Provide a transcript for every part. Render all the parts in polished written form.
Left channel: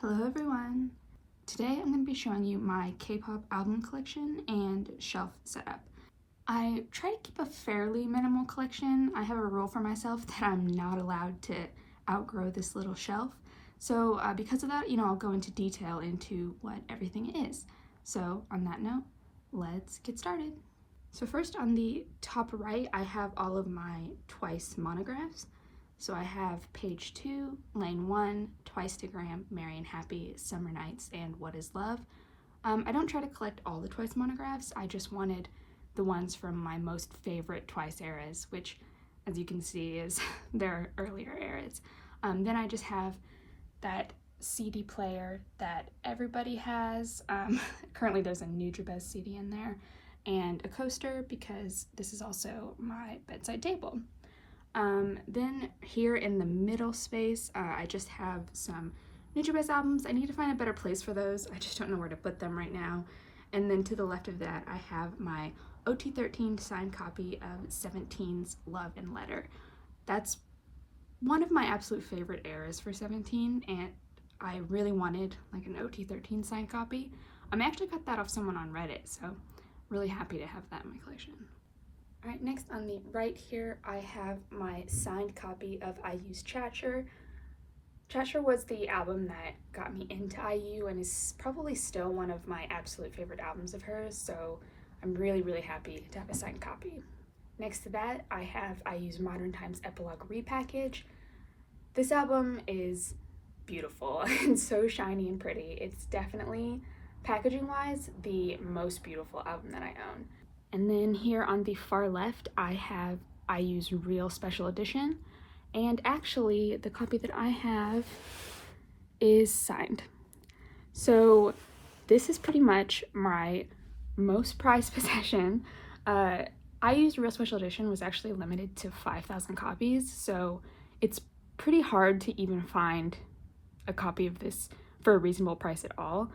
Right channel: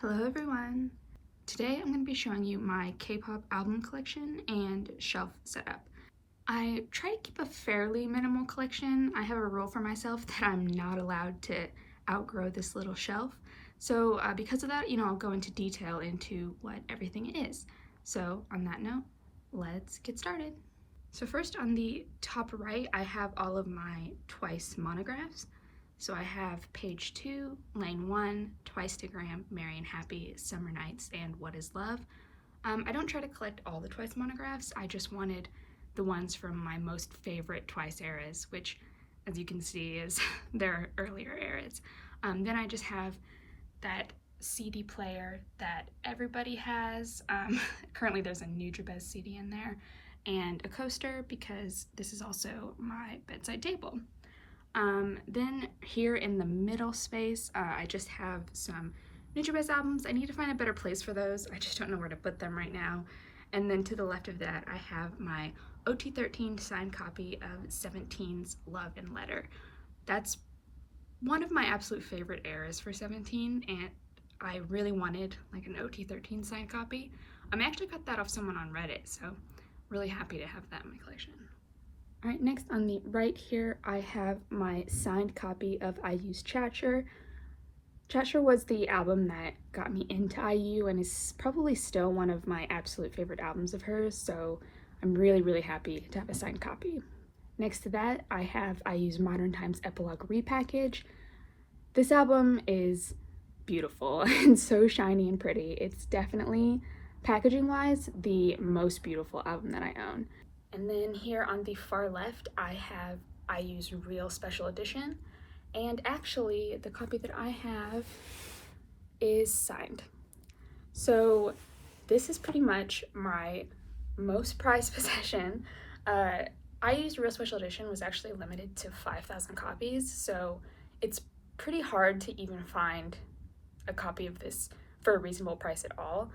Hello everyone! Today I'm going to be showing you my K-pop album collection and shelf setup. I try to keep a fairly minimal collection. I have a rule for myself that I'm not allowed to outgrow this little shelf. So because of that, I'll go into detail into what everything is. So on that note, let's get started. So first on the top right, I have all of my Twice monographs. So I have Page 2, Lane 1, Twice-to-gram, Merry and Happy, Summer Nights, and What is Love. I don't try to collect all the Twice monographs, I just wanted the ones from my most favorite Twice eras, which, as you can see, is their earlier eras. Then I just have that CD player that everybody has. Currently there's a Nujabes CD in there, and a coaster because this is also my bedside table. Then here in the middle space, I just have some Nujabes albums. I need to find a better place for those. I just don't know where to put them right now. And then to the left of that, I have my OT13 signed copy of 17's Love and Letter. That's one of my absolute favorite eras for 17, and I really wanted like an OT13 signed copy. I actually got that off someone on Reddit, so really happy to have that in my collection. All right, next on the right here, I have my signed copy of IU's Chatter. Chatter was the album that got me into IU and is probably still one of my absolute favorite albums of hers, so I'm really happy to have a signed copy. Next to that, I have IU's Modern Times Epilogue Repackage. This album is beautiful and so shiny and pretty. It's definitely, packaging-wise, the most beautiful album that I own. And then here on the far left, I have IU's Real Special Edition. And actually, the copy that I have is signed. So this is pretty much my most prized possession. IU's Real Special Edition was actually limited to 5,000 copies, so it's pretty hard to even find a copy of this for a reasonable price at all.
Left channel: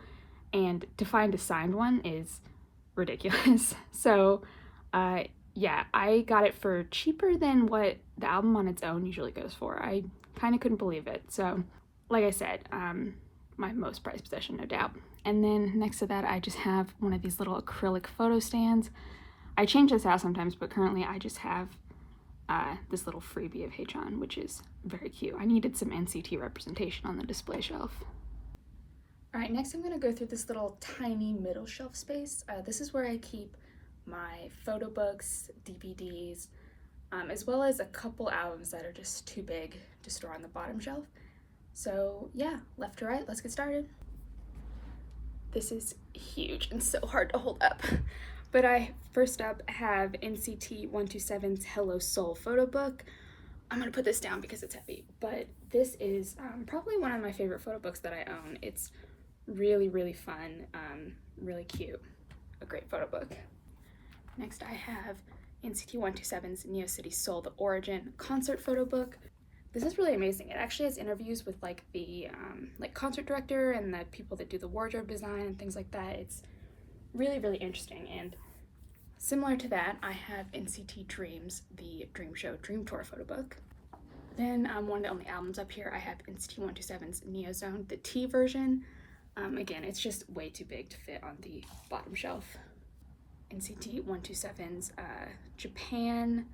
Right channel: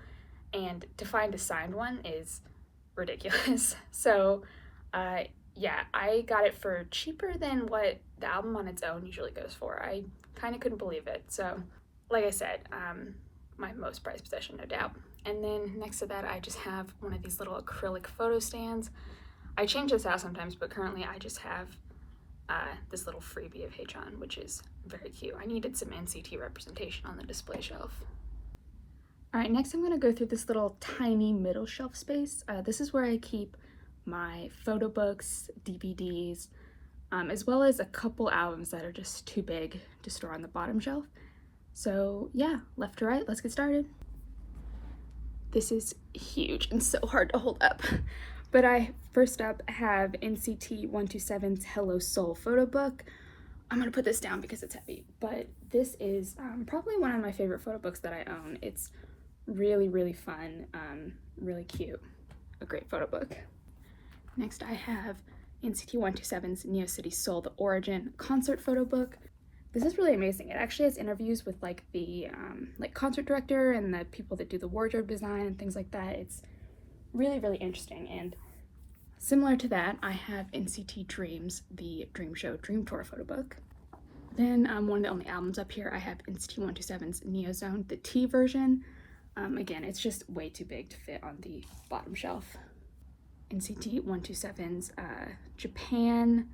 And to find a signed one is ridiculous. So yeah, I got it for cheaper than what the album on its own usually goes for. I kind of couldn't believe it. So like I said, my most prized possession, no doubt. And then next to that, I just have one of these little acrylic photo stands. I change this out sometimes, but currently I just have this little freebie of Taeyeon, which is very cute. I needed some NCT representation on the display shelf. All right, next I'm going to go through this little tiny middle shelf space. This is where I keep my photo books, DVDs, as well as a couple albums that are just too big to store on the bottom shelf. So yeah, left to right, let's get started. This is huge and so hard to hold up. But I first up have NCT 127's Hello Soul photo book. I'm going to put this down because it's heavy, but this is probably one of my favorite photo books that I own. It's really fun, really cute, a great photo book. Next I have NCT 127's Neo City Soul The Origin concert photo book. This is really amazing. It actually has interviews with like the concert director and the people that do the wardrobe design and things like that. It's really interesting. And similar to that, I have NCT Dreams, the Dream Show Dream Tour photo book. Then one of the only albums up here, I have NCT 127's Neo Zone, the T version. Again, it's just way too big to fit on the bottom shelf. NCT 127's Japan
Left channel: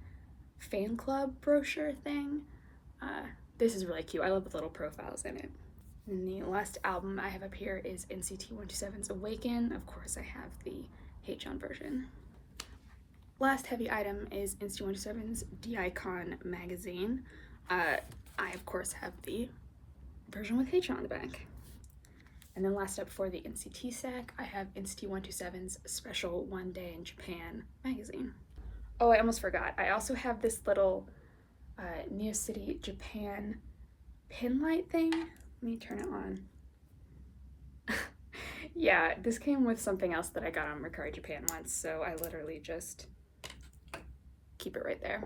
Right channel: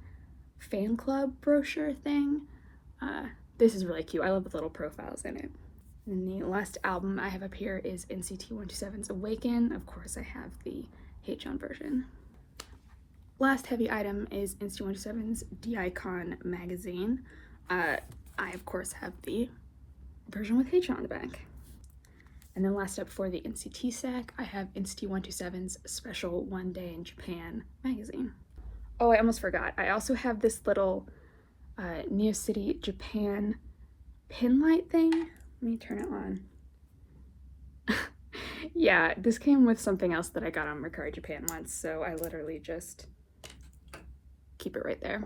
fan club brochure thing. This is really cute. I love the little profiles in it. And the last album I have up here is NCT 127's Awaken. Of course, I have the Taeyeon version. Last heavy item is NCT 127's D-Icon magazine. I, of course, have the version with Taeyeon on the back. And then last up for the NCT stack, I have NCT 127's Special One Day in Japan magazine. Oh, I almost forgot. I also have this little Neo City Japan pin light thing. Let me turn it on. Yeah, this came with something else that I got on Mercari Japan once, so I literally just keep it right there.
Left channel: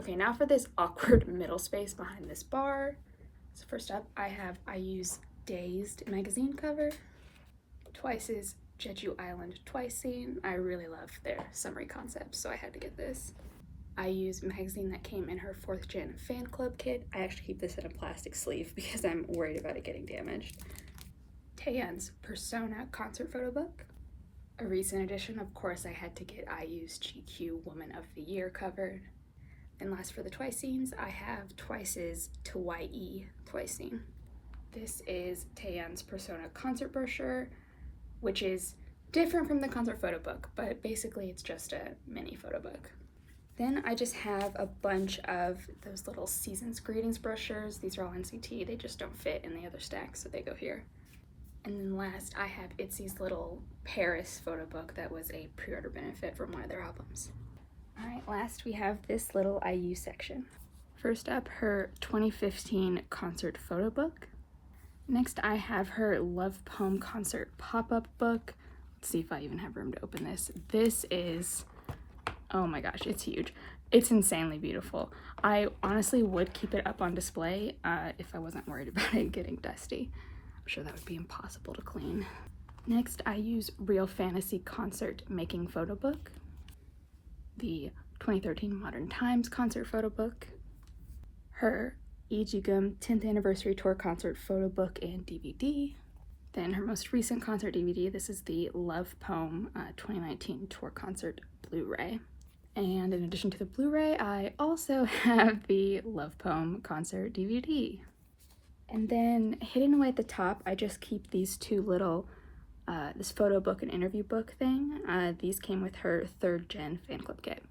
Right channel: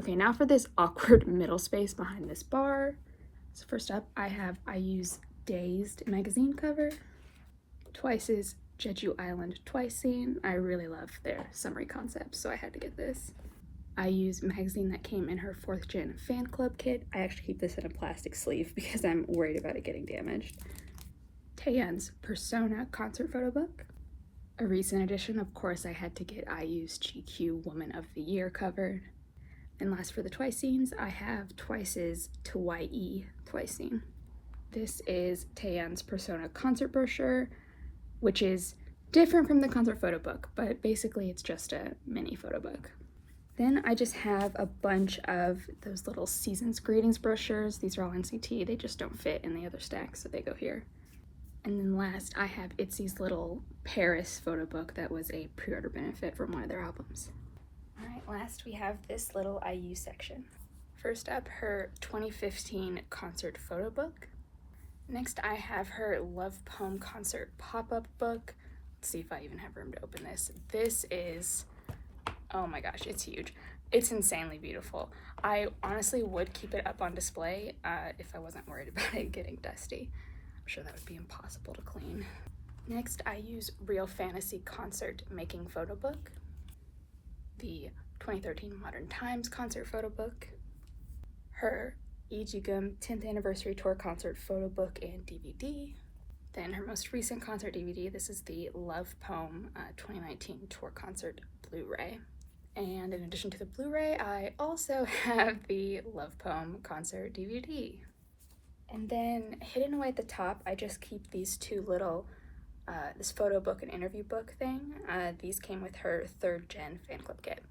Okay, now for this awkward middle space behind this bar. So first up, I have IU's Dazed magazine cover, Twice's Jeju Island Twice scene. I really love their summary concepts, so I had to get this. IU's magazine that came in her 4th gen fan club kit. I actually keep this in a plastic sleeve because I'm worried about it getting damaged. Taeyeon's Persona concert photo book. A recent addition, of course, I had to get IU's GQ Woman of the Year covered. And last for the Twice scenes, I have Twice's Taeyeon Twice scene. This is Taeyeon's Persona concert brochure, which is different from the concert photo book, but basically it's just a mini photo book. Then I just have a bunch of those little seasons greetings brochures. These are all NCT, they just don't fit in the other stack, so they go here. And then last, I have ITZY's little Paris photo book that was a pre-order benefit from one of their albums. Alright, last we have this little IU section. First up, her 2015 concert photo book. Next, I have her Love Poem concert pop-up book. Let's see if I even have room to open this. This is, oh my gosh, it's huge. It's insanely beautiful. I honestly would keep it up on display if I wasn't worried about it getting dusty. I'm sure that would be impossible to clean. Next, I use Real Fantasy concert making photo book. The 2013 Modern Times concert photo book. Her Ijigum 10th anniversary tour concert photo book and DVD. Then her most recent concert DVD, this is the Love Poem 2019 tour concert Blu-ray. And in addition to the Blu-ray, I also have the Love Poem concert DVD. And then hidden away at the top, I just keep these two little, this photo book and interview book thing. These came with her 3rd gen fan club kit.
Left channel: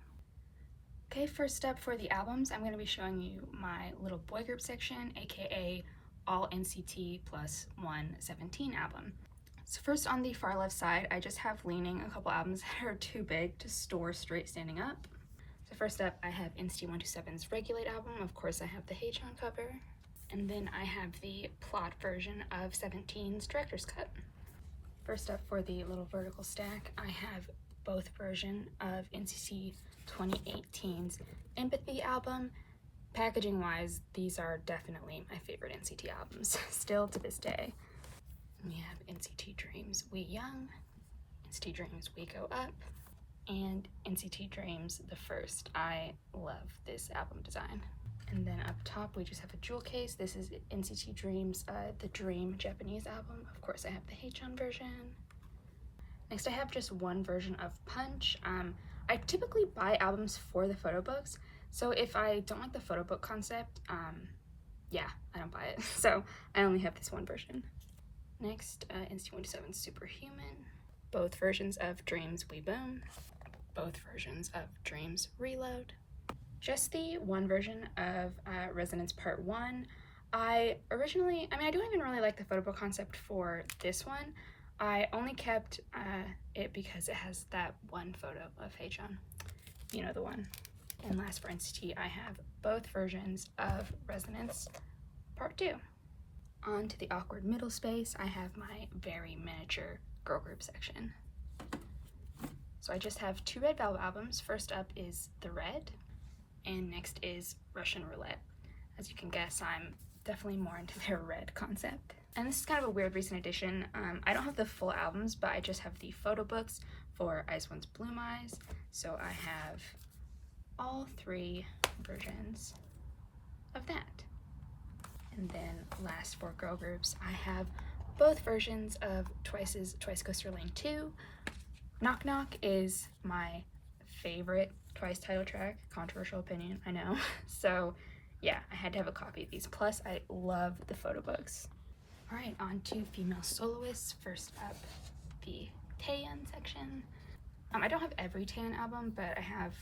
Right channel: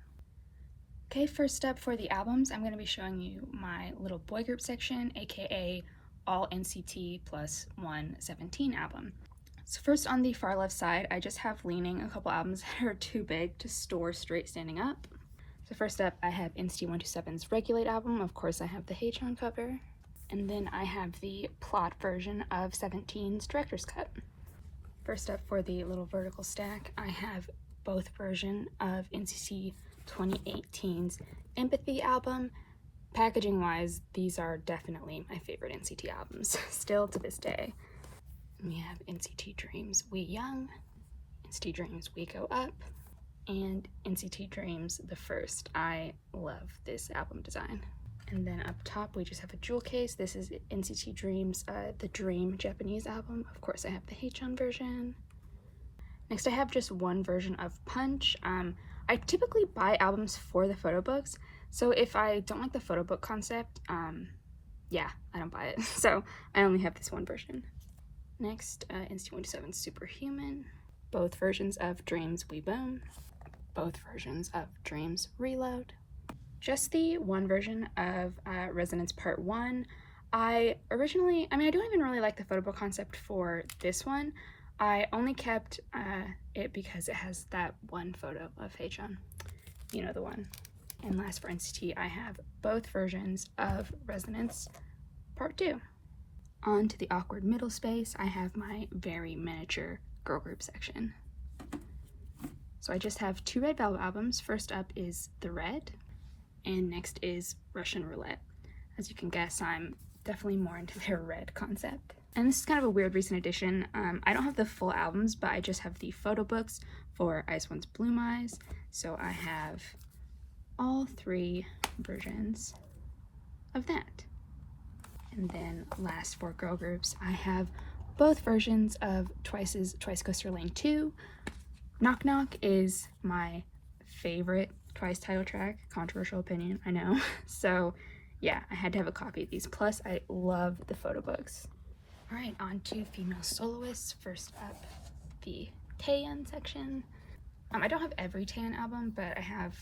Okay, first up for the albums, I'm going to be showing you my little boy group section, aka all NCT plus 117 album. So first on the far left side, I just have leaning a couple albums that are too big to store straight standing up. So first up, I have NCT 127's Regulate album. Of course, I have the Taeyeon cover. And then I have the plot version of 17's Director's Cut. First up for the little vertical stack, I have both versions of NCT 2018's Empathy album. Packaging wise, these are definitely my favorite NCT albums, still to this day. We have NCT Dreams We Young, NCT Dreams We Go Up, and NCT Dreams The First. I love this album design. And then up top we just have a jewel case. This is NCT Dreams The Dream Japanese album. Of course I have the Taeyeon version. Next I have just one version of Punch. I typically buy albums for the photo books, so if I don't like the photo book concept, yeah, I don't buy it. So I only have this one version. Next, NCT 127 Superhuman, both versions of Dreams We Boom, both versions of Dreams Reload. Just the one version of Resonance Part 1. I don't even really like the photo book concept for this one. I only kept it because it has that one photo of Taeyeon. You know the one. And last for NCT, I have both versions of Resonance Part 2. On to the awkward middle space, I have my very miniature girl group section. So I just have 2 Red Velvet albums. First up is The Red, and next is Russian Roulette. As you can guess, I'm definitely more into their red concept. And this is kind of a weird recent addition. I don't have the full albums, but I just have the photo books for Ice One's Bloom Eyes. So I have all 3 versions of that. And then last for girl groups, I have both versions of Twice's Twice Coaster Lane 2. Knock Knock is my favorite Twice title track. Controversial opinion, I know. So yeah, I had to have a copy of these. Plus, I love the photo books. All right, on to female soloists. First up, the Taeyeon section. I don't have every Taeyeon album, but I have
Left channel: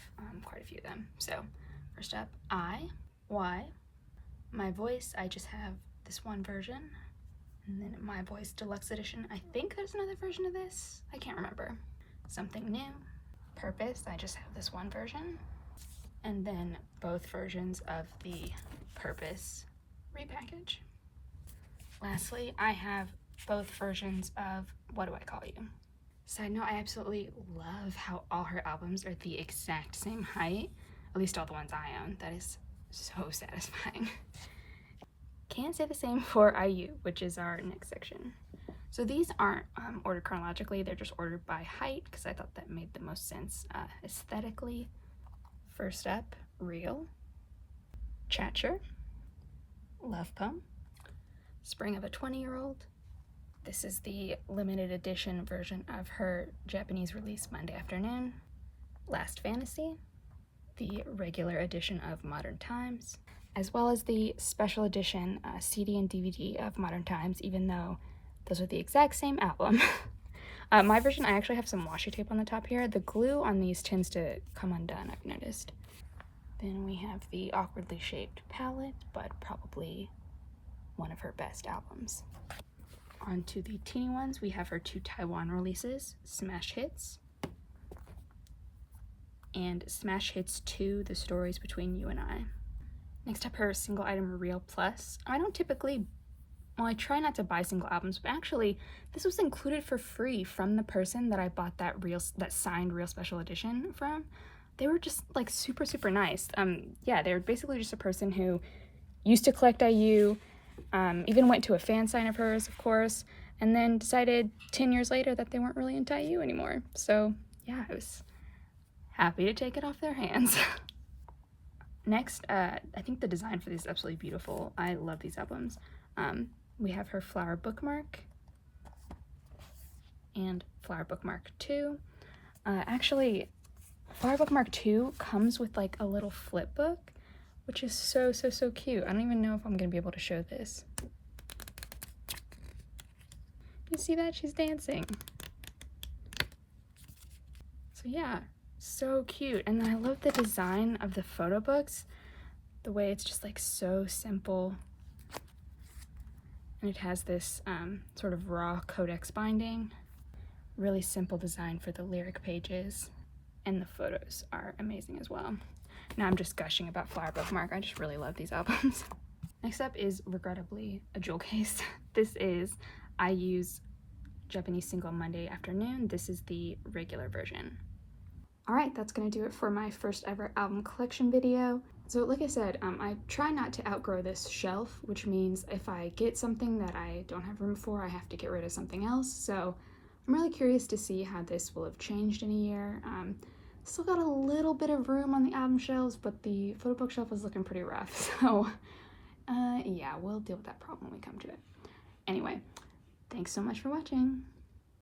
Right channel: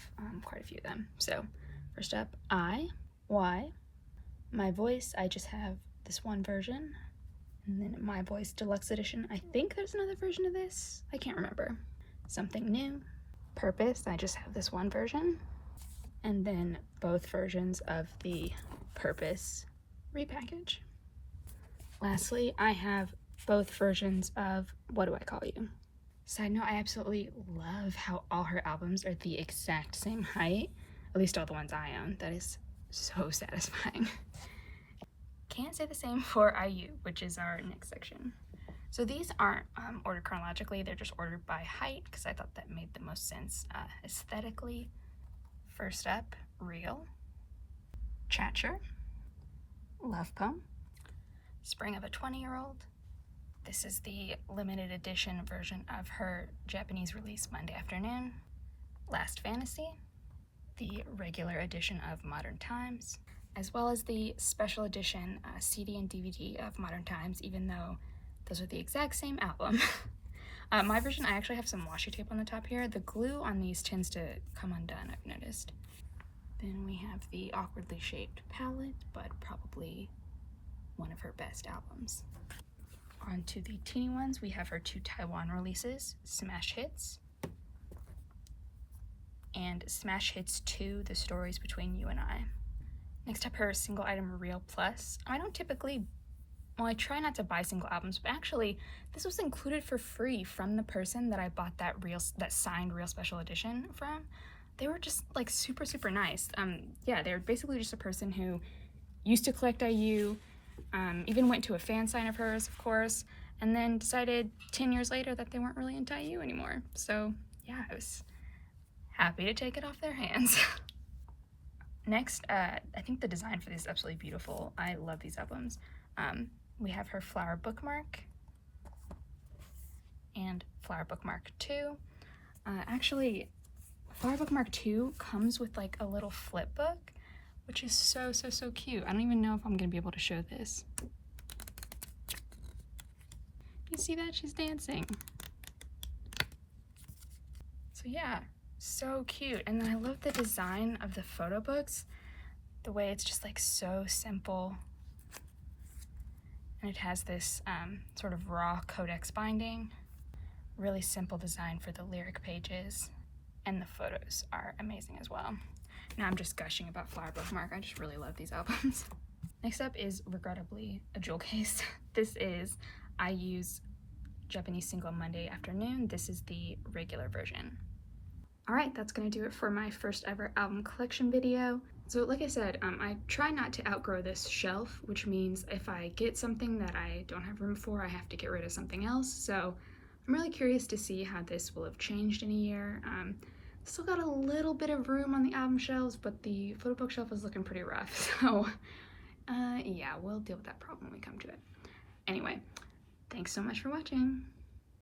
quite a few of them. So first up, Y. My Voice, I just have this one version. And then My Voice Deluxe Edition. I think there's another version of this. I can't remember. Something New. Purpose, I just have this one version. And then both versions of the Purpose repackage. Lastly, I have both versions of What Do I Call You? Side note, I absolutely love how all her albums are the exact same height, at least all the ones I own. That is so satisfying. Can't say the same for IU, which is our next section. So these aren't ordered chronologically, they're just ordered by height because I thought that made the most sense aesthetically. First up, Real, Chatcher, Love Poem, Spring of a 20-Year-Old. This is the limited edition version of her Japanese release Monday Afternoon, Last Fantasy, the regular edition of Modern Times, as well as the special edition CD and DVD of Modern Times, even though those are the exact same album. My version, I actually have some washi tape on the top here. The glue on these tends to come undone, I've noticed. Then we have the awkwardly shaped palette, but probably one of her best albums. On to the teeny ones, we have her 2 Taeyeon releases, Smash Hits, and Smash Hits 2, The Stories Between You and I. Next up, her single item Real Plus. I don't typically, well, I try not to buy single albums, but actually this was included for free from the person that I bought that signed Real Special Edition from. They were just like super nice. Yeah, they were basically just a person who used to collect IU, even went to a fan sign of hers, of course, and then decided 10 years later that they weren't really into IU anymore. So yeah, I was happy to take it off their hands. Next, I think the design for this is absolutely beautiful. I love these albums. We have her Flower Bookmark and Flower Bookmark 2. Actually, Flower Bookmark 2 comes with like a little flip book, which is so cute. I don't even know if I'm gonna be able to show this. You see that? She's dancing. So yeah, so cute. And I love the design of the photo books, the way it's just like so simple. And it has this sort of raw codex binding. Really simple design for the lyric pages. And the photos are amazing as well. Now I'm just gushing about Flower Bookmark. I just really love these albums. Next up is, regrettably, a jewel case. This is IU's Japanese single Monday Afternoon. This is the regular version. Alright, that's gonna do it for my first ever album collection video. So like I said, I try not to outgrow this shelf, which means if I get something that I don't have room for, I have to get rid of something else. So I'm really curious to see how this will have changed in a year. Still got a little bit of room on the album shelves, but the photo bookshelf is looking pretty rough. So yeah, we'll deal with that problem when we come to it. Anyway, thanks so much for watching.